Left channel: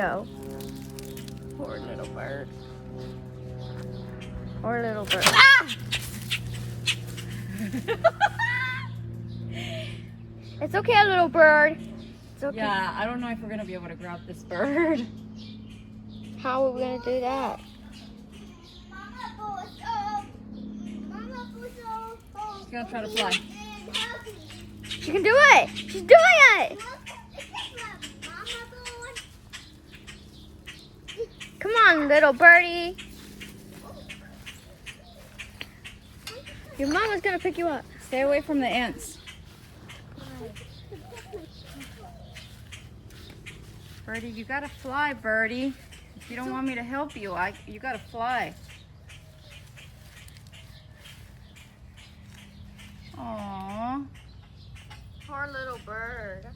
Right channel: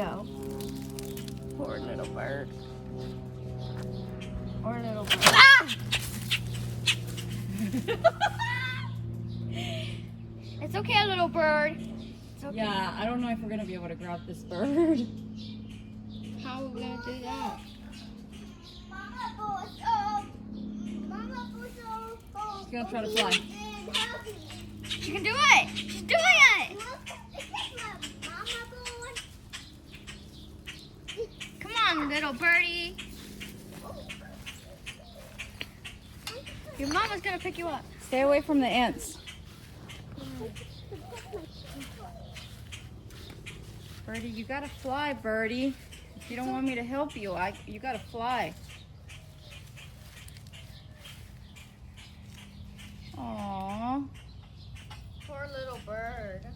No. Poor little bird. Poor little bird. Ah! It's okay, little bird. It's okay. Yeah, I don't know if we're gonna be able to grab this bird. How are we gonna do that? She's gonna try to fly. She can do it! She's doing it! Come on, little birdie. Your mama's gonna pick you up. Stay away from the ants. Birdie, you gotta fly, Birdie. If you don't want me to help you, you gotta fly. Aww. Poor little bird.